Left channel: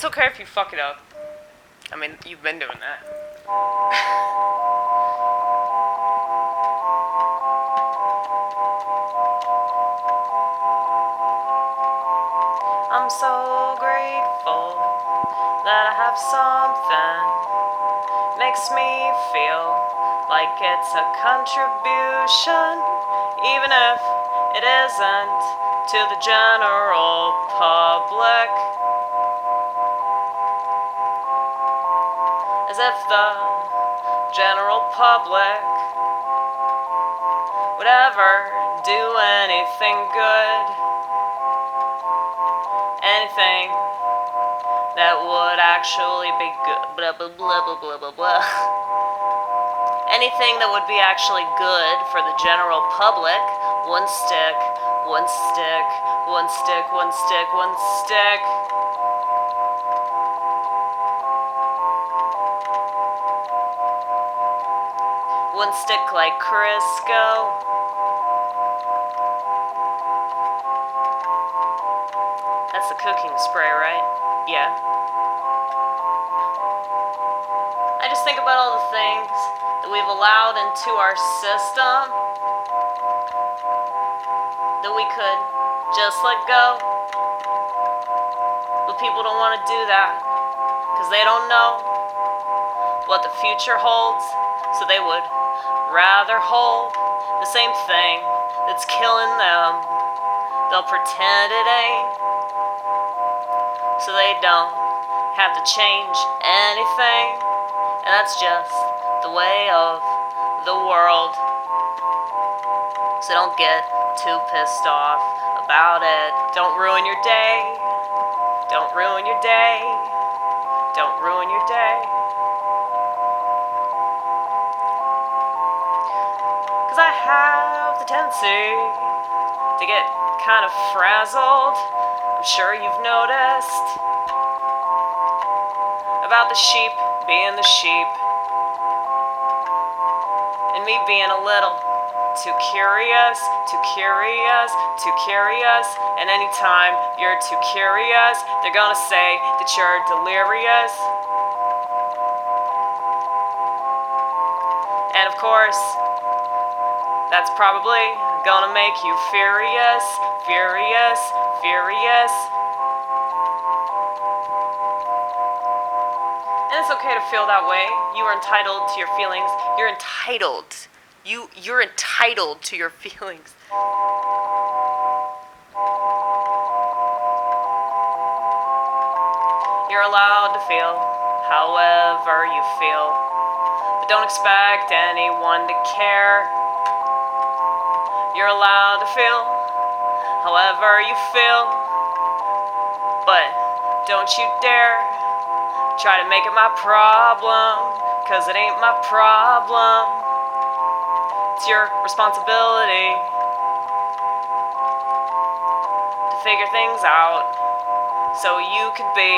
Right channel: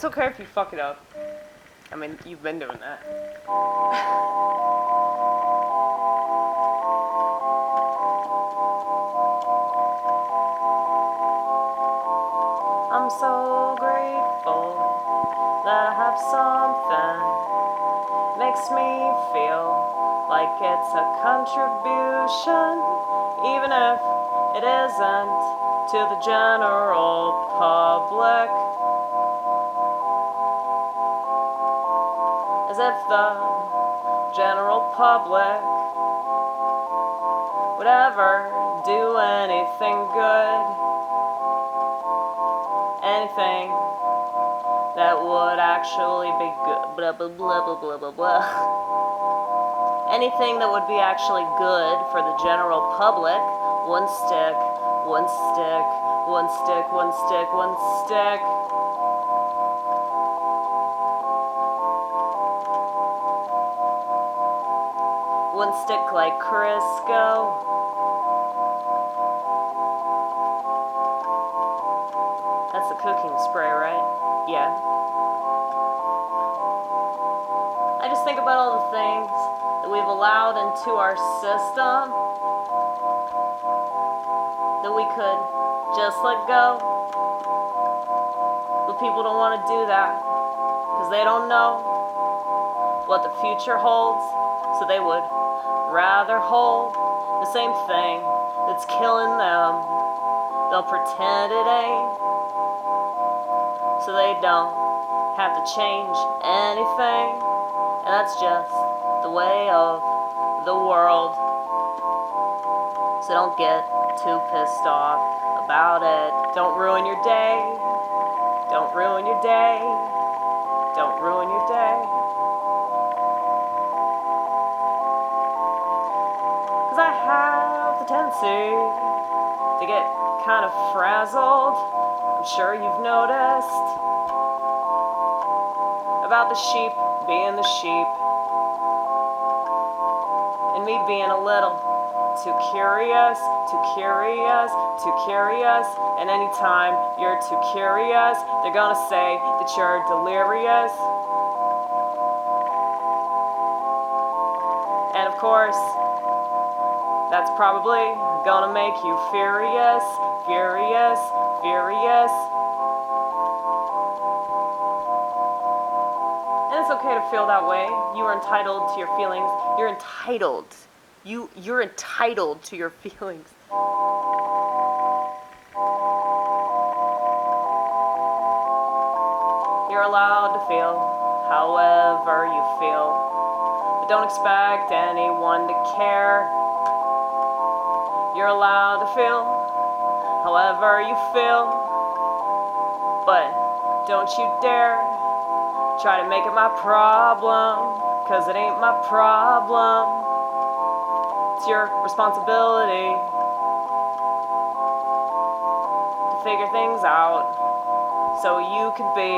It's okay if you fuck it up. I mean, you've been doing that. I'm so grateful that I have something. Makes me feel like it's a contribution, even if it isn't to the general public. As if the general public would ever do anything good. Anything that would actually be good. Blah, blah, blah, blah, blah, blah, blah. Anything that would be actually good for the general public. One stick, one stick, one stick, one stick, one stick. One stick like Crisco. That's the cooking spray, right? Yeah. I just think about all the things that we've allowed into our system that we could just let go. But people don't want to do that because they don't know what the future holds. So they would rather hold the same thing that's killing them. They'll pretend it ain't, so they don't have to change anything. And that's just the way of the world. So don't get too pissed off about it. Don't ruin your day. Don't ruin your day. Don't ruin your day. Cause I have the tendency to get kind of frazzled. I'm sure you've noticed about the sheep being the sheep, and me being a little too curious, too curious, too curious. And anytime you're too curious, they're gonna say that you're delirious. And of course, that's probably gonna make you furious, furious, furious. And it's okay to feel that way. You are entitled to your feelings. You're entitled. You're entitled to your feelings. You're allowed to feel however you feel. But don't expect anyone to care. You're allowed to feel however you feel. But don't you dare try to make it my problem, cause it ain't my problem. It's your responsibility to figure things out so you could be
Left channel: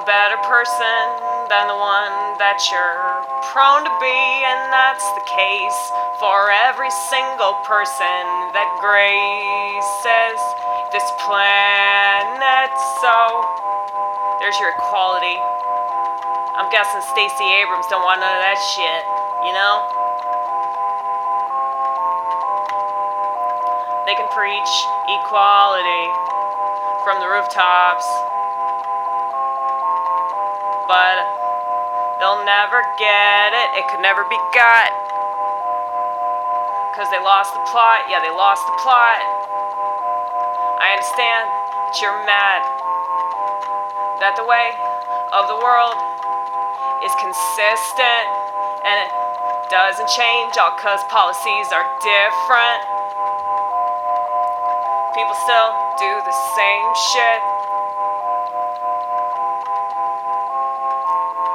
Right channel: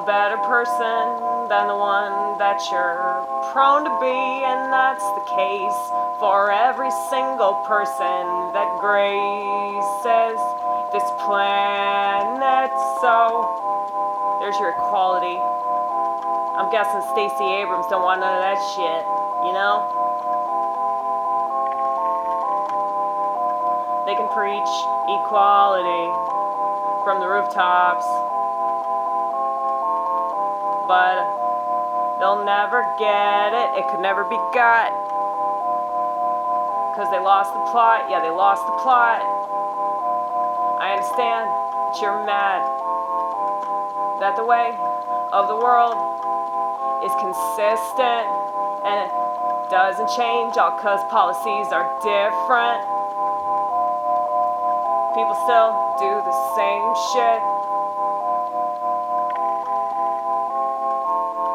a better person than the one that you're prone to be. And that's the case for every single person that graces this planet. So there's your equality. I'm guessing Stacey Abrams don't want none of that shit, you know? They can preach equality from the rooftops, but they'll never get it. It could never be got. Cause they lost the plot. Yeah, they lost the plot. I understand that you're mad that the way of the world is consistent and it doesn't change all cause policies are different. People still do the same shit.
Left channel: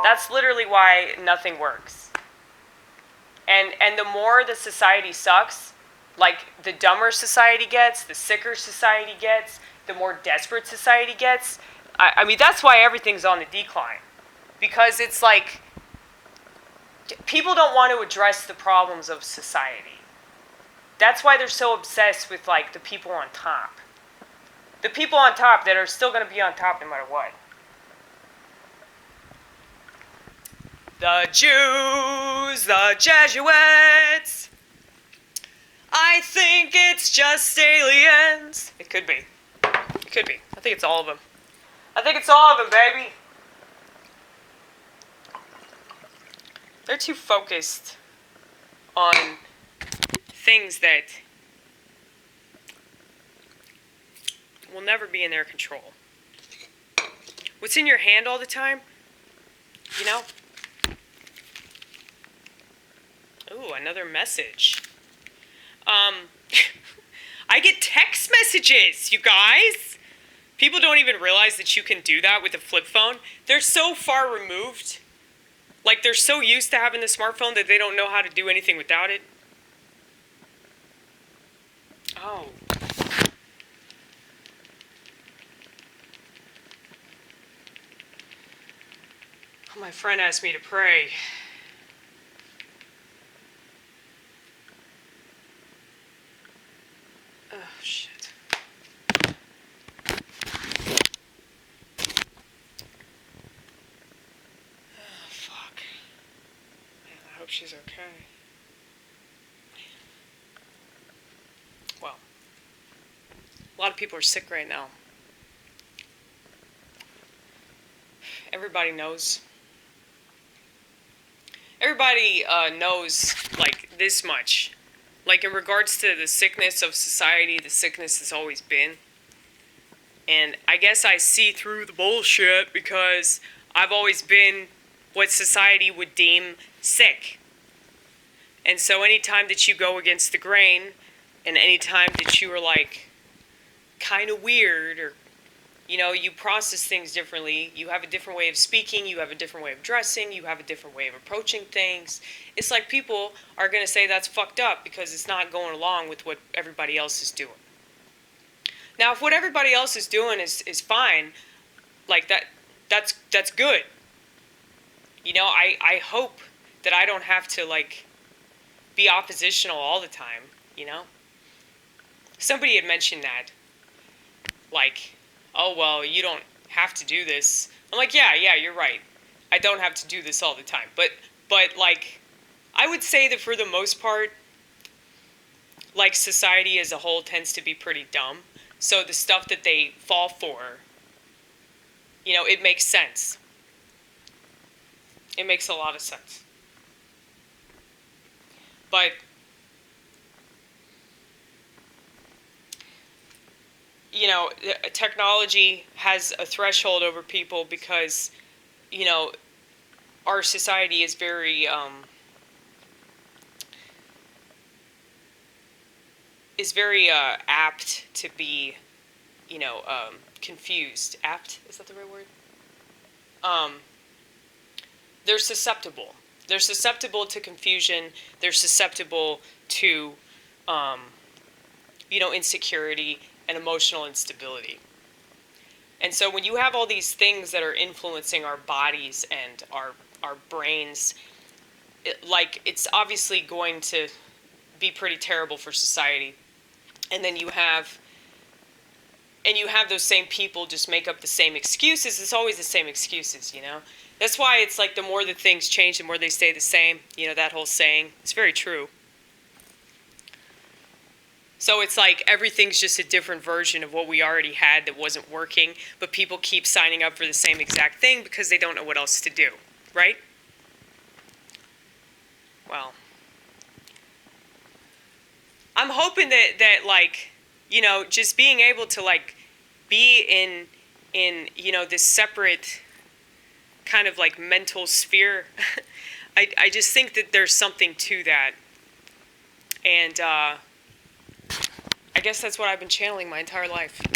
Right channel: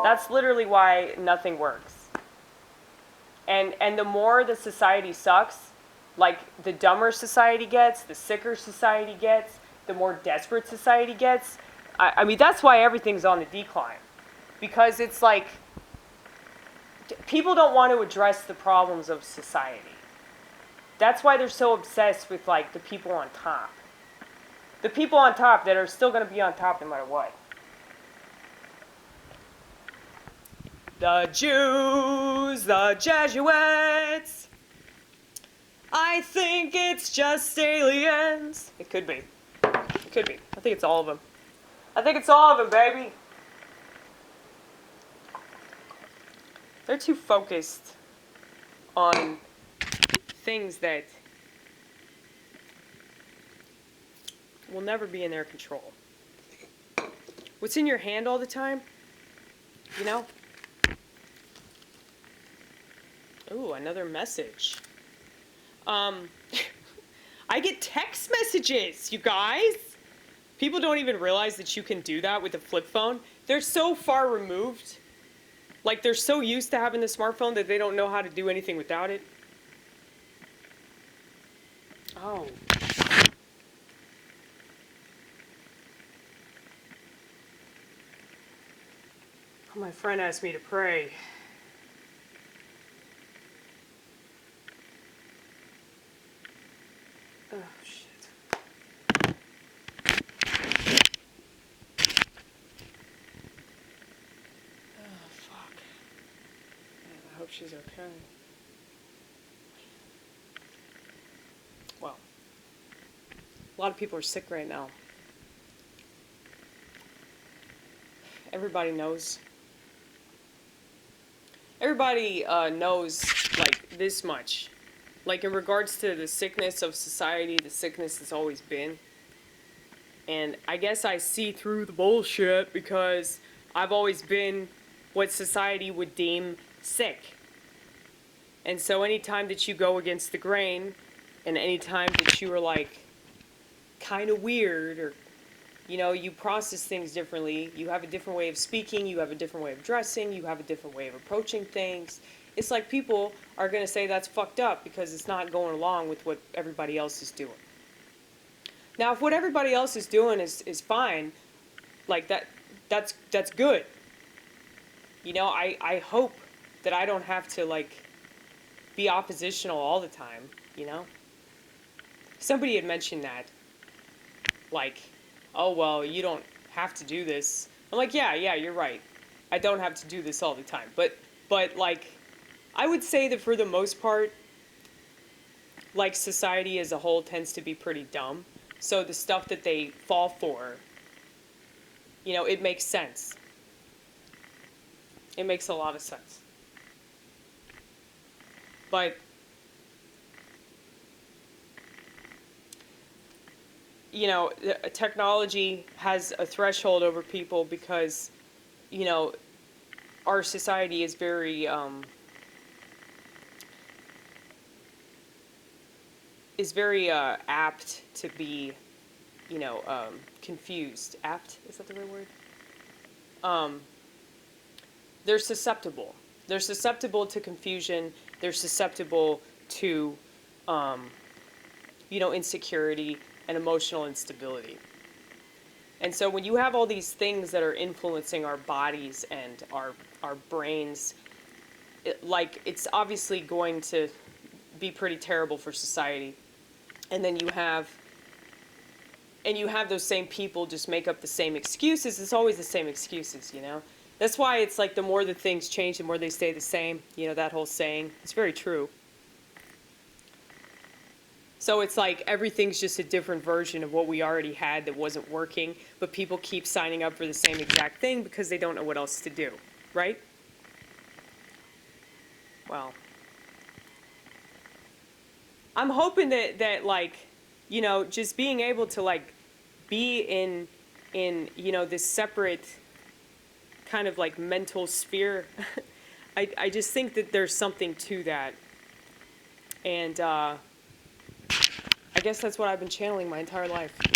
That's literally why nothing works. And the more the society sucks, like the dumber society gets, the sicker society gets, the more desperate society gets. I mean, that's why everything's on the decline. Because it's like, people don't want to address the problems of society. That's why they're so obsessed with, like, the people on top. The people on top that are still going to be on top no matter what. The Jews, the Jesuits. I think it's just aliens. It could be. It could be. I think it's all of them. I think it's all of them, baby. They're too focused on things that will never be in their control. What's in your hand all the time? You know? Ooh, another message. I get text messages, you guys. People don't even realize that you can do that with a flip phone. They're so far removed. Like, they're so used to having the smartphone that they don't know how to do anything without it. Oh. My friend asked me to pray. Oh, shit. Oh, fuck. Man, I hope she's okay. Well, a lot of people are sick right now. Everybody knows. Everybody knows, like, this much. Like, in regards to the sickness of society, the sickness has always been. And I guess I see through the bullshit because I've always been what society would deem sick. And so anytime that you go against the grain, and anytime that you are, like, kind of weird, or, you know, you process things differently, you have a different way of speaking, you have a different way of dressing, you have a different way of approaching things. It's like people are going to say that's fucked up because it's not going along with what everybody else is doing. Now, if what everybody else is doing is fine, like that's good. You know, I hope that I don't have to, like, be oppositional all the time, you know? Somebody had mentioned that, like, oh, well, you don't have to do this. I'm like, yeah, you're right. I don't have to do this all the time. But like, I would say that for the most part, like, society as a whole tends to be pretty dumb. So the stuff that they fall for, you know, it makes sense. It makes a lot of sense. But you know, technology has a threshold over people because, you know, our society is very apt to be, you know, confused. Apt, is that the right word? They're susceptible. They're susceptible to confusion. They're susceptible to, you know, insecurity and emotional instability. And so when you have all these things that are influencing our bodies and our brains, it's obviously going to be pretty terrible for society. And then you have those same people just make up the same excuses. It's always the same excuses, you know? That's why it's like the more that things change, the more they stay the same. You know, that whole saying. It's very true. So it's like everything's just a different version of what we already had that wasn't working, but people keep signing up for the same exact thing because they don't know what else to do, right? Well, I'm hoping that like, you know, just being able to, like, be in you know, this separate kind of, like, mental sphere, I just think that there's something to that. And I guess that's what I've been channeling my entire life.